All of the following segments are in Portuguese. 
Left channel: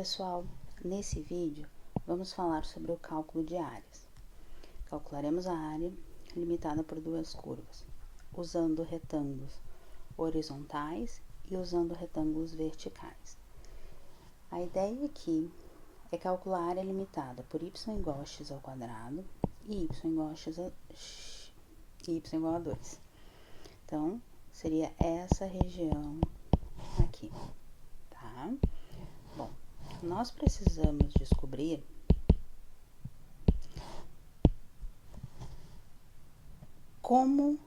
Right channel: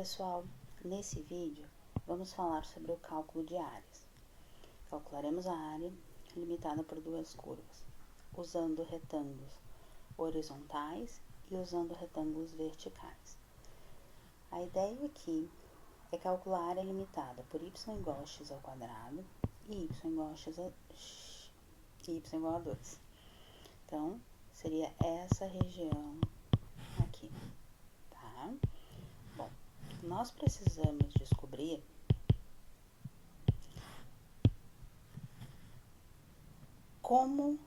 pessoal, nesse vídeo vamos falar sobre o cálculo de áreas. Calcularemos a área limitada por duas curvas, usando retângulos horizontais e usando retângulos verticais. A ideia aqui é calcular a área limitada por y igual a x ao quadrado e y igual a 2. Então, seria essa região aqui, tá? Bom, nós precisamos descobrir como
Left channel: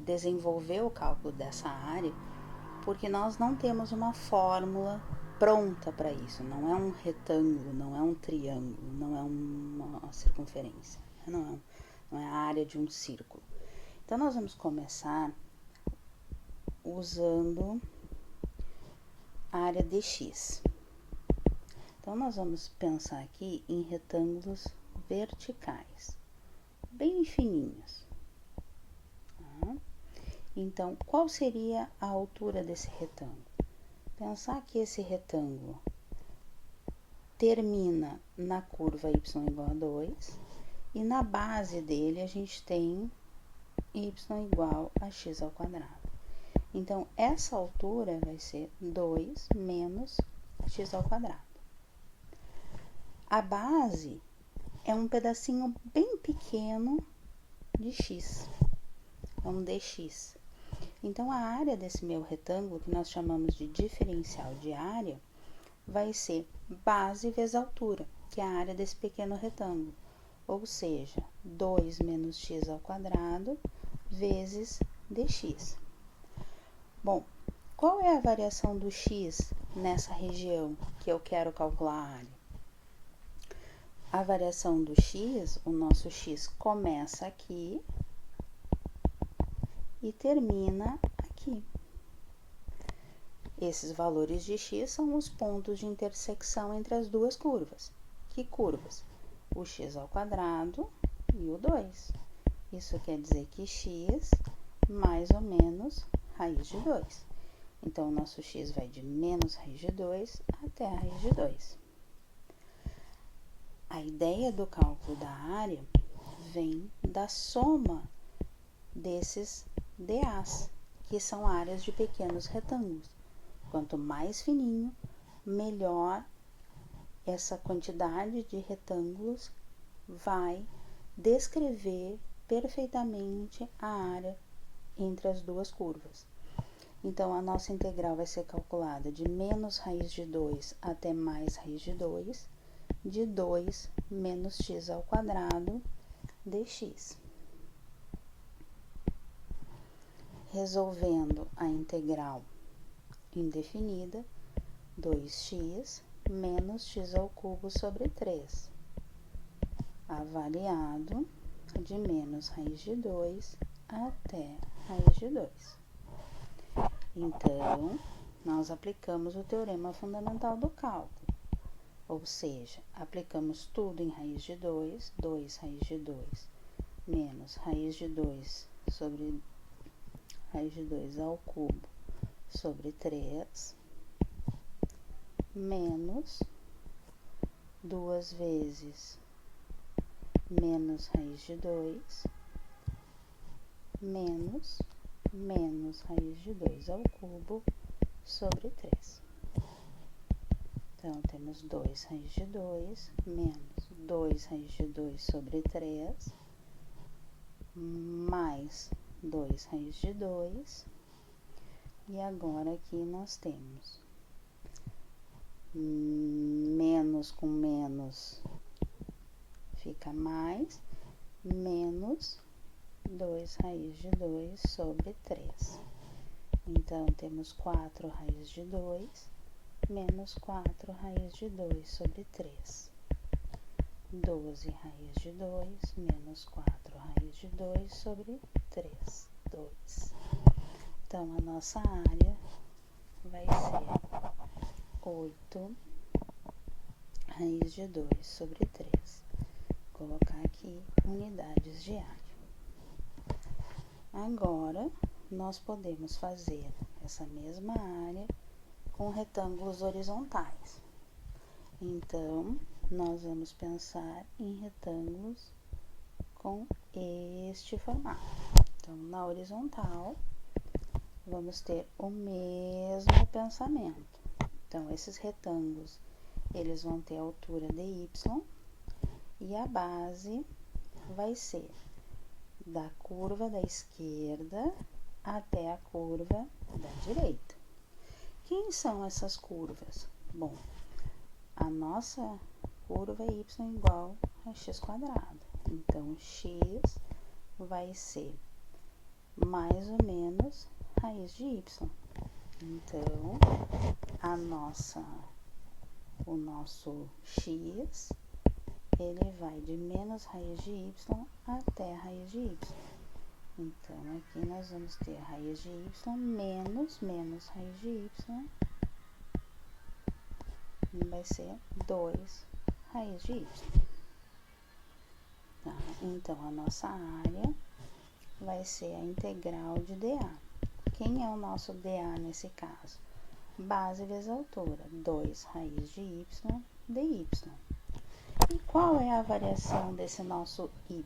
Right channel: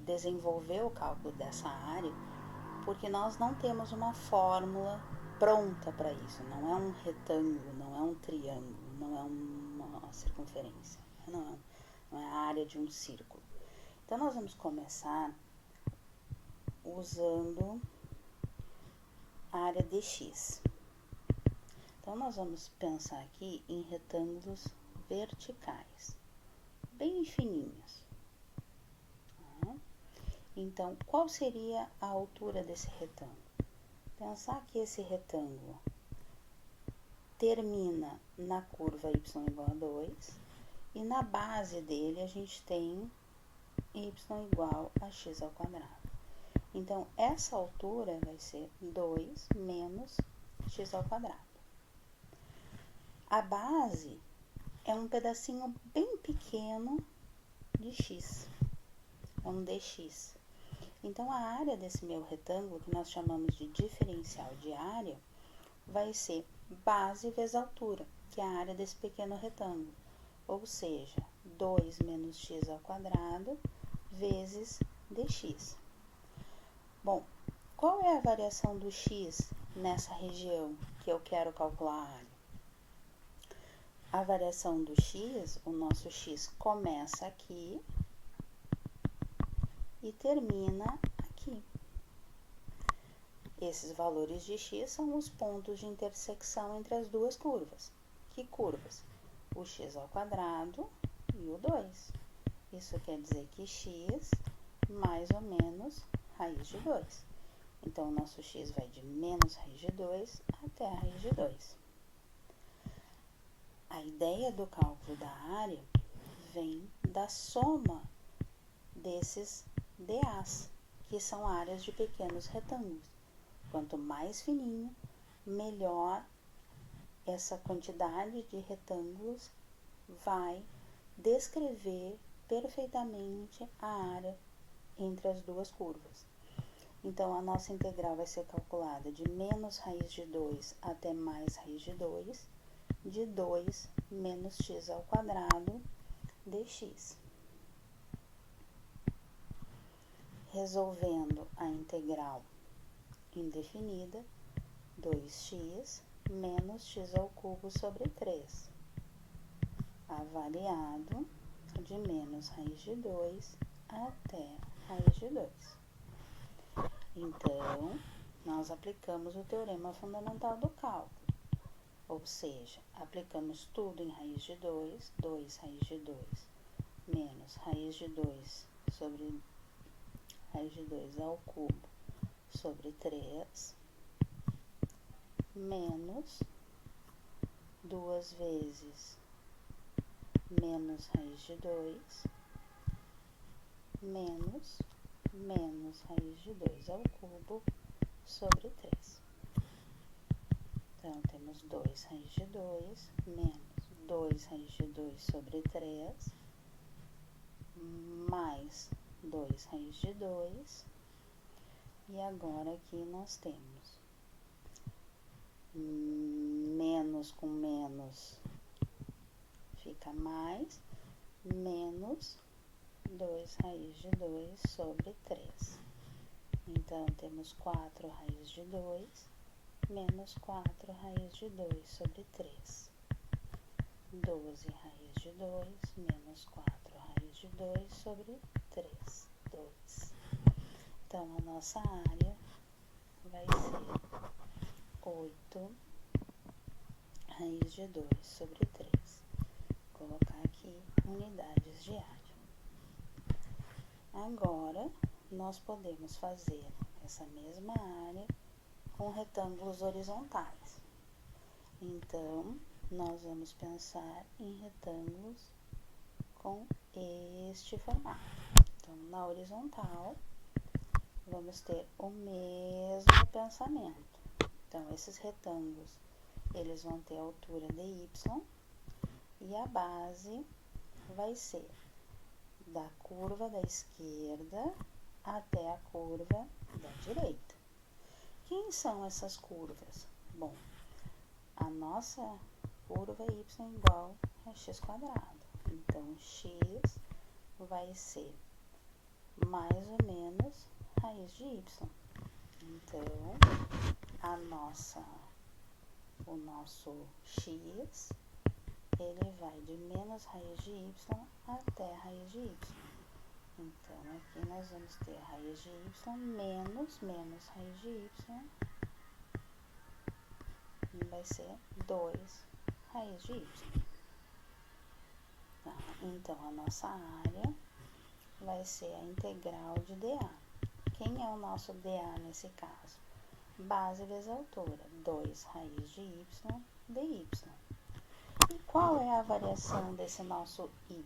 desenvolver o cálculo dessa área, porque nós não temos uma fórmula pronta para isso. Não é um retângulo, não é um triângulo, não é uma circunferência, não é a área de um círculo. Então, nós vamos começar usando a área dx. Então, nós vamos pensar aqui em retângulos verticais, bem fininhos. Tá? Então, qual seria a altura desse retângulo? Pensar que esse retângulo termina na curva y igual a 2 e na base dele a gente tem y igual a x ao quadrado. Então, essa altura vai ser 2 menos x ao quadrado. A base é um pedacinho bem pequeno de x, é um dx. Então, a área desse meu retângulo, que nós chamamos de diferencial de área, vai ser base vezes altura, que é a área desse pequeno retângulo. Ou seja, 2 menos x ao quadrado vezes dx. Bom, qual é a variação do x nessa região que eu quero calcular a área? A variação do x, o nosso x começa aqui e termina aqui. Esses valores de x são os pontos de intersecção entre as duas curvas. Que curvas? O x ao quadrado e o 2. Isso quer dizer que x mais ou menos raiz de 2. Então, o nosso x vai de menos raiz de 2 até a raiz de 2. A ideia do cálculo da área vem da soma desses DAs, que são áreas de pequenos retângulos. Quanto mais fininho, melhor essa quantidade de retângulos vai descrever perfeitamente a área entre as duas curvas. Então, a nossa integral vai ser calculada de menos raiz de 2 até mais raiz de 2, de 2 menos x ao quadrado dx. Resolvendo a integral indefinida, 2x menos x ao cubo sobre 3, avaliado de menos raiz de 2 até raiz de 2. Então, nós aplicamos o teorema fundamental do cálculo, ou seja, aplicamos tudo em raiz de 2, 2 raiz de 2 menos raiz de 2 sobre raiz de 2 ao cubo sobre 3, menos 2 vezes menos raiz de 2, menos raiz de 2 ao cubo sobre 3. Então, temos 2 raiz de 2 menos 2 raiz de 2 sobre 3, mais 2 raiz de 2, e agora aqui nós temos menos com menos fica mais, menos 2 raiz de 2 sobre 3. Então, temos 4 raiz de 2 menos 4 raiz de 2 sobre 3. 12 raiz de 2 menos 4 raiz de 2 sobre 3, 2. Então, a nossa área vai ser 8 raiz de 2 sobre 3. Vou colocar aqui unidades de área. Agora, nós podemos fazer essa mesma área com retângulos horizontais. Então, nós vamos pensar em retângulos com este formato. Então, na horizontal, vamos ter o mesmo pensamento. Então, esses retângulos, eles vão ter a altura de y e a base vai ser da curva da esquerda até a curva da direita. Quem são essas curvas? Bom, a nossa curva é y igual a x quadrado. Então, x vai ser mais ou menos raiz de y. Então, o nosso x, ele vai de menos raiz de y até raiz de y. Então, aqui nós vamos ter raiz de y menos raiz de y, vai ser 2 raiz de y. Tá? Então, a nossa área vai ser a integral de dA. Quem é o nosso dA nesse caso? Base vezes altura, 2 raiz de y dy. E qual é a variação desse nosso y?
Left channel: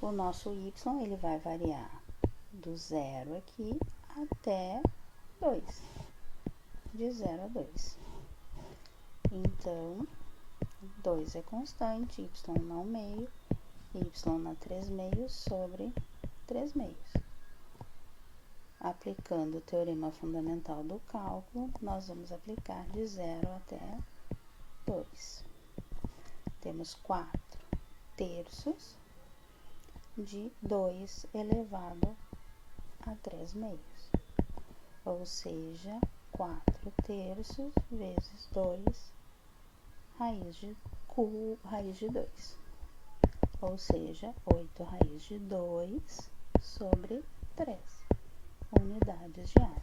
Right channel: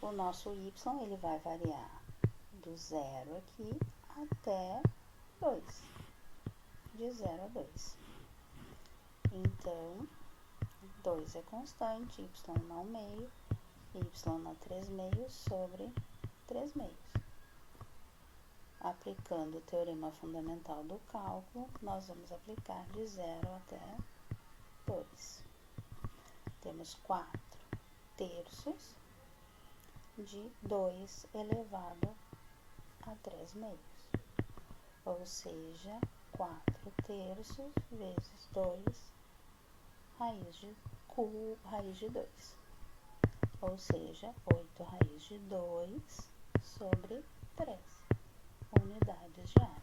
O nosso y, ele vai variar do 0 aqui até 2, de 0 a 2. Então, 2 é constante, y não meio, y na 3 meios sobre 3 meios. Aplicando o teorema fundamental do cálculo, nós vamos aplicar de 0 até 2. Temos 4 terços de 2 elevado a 3 meios, ou seja, 4 terços vezes 2 raiz de 2, ou seja, 8 raiz de 2 sobre 3 unidades de área.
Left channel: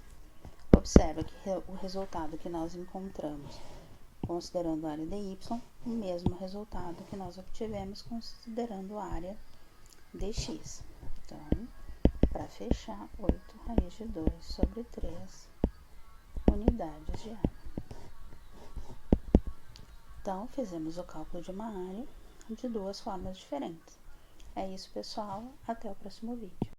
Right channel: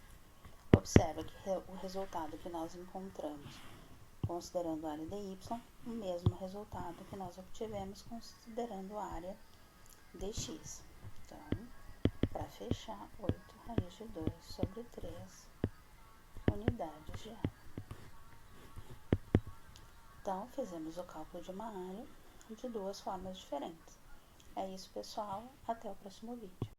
Observa que o resultado que nós encontramos considerando a área de y, o mesmo resultado que nós obtivemos considerando a área de x. Então, para fechar, 8 raiz de 2 sobre 3 unidades de área. Então, fizemos o cálculo de uma área de duas formas diferentes. É isso, pessoal. Até o próximo vídeo.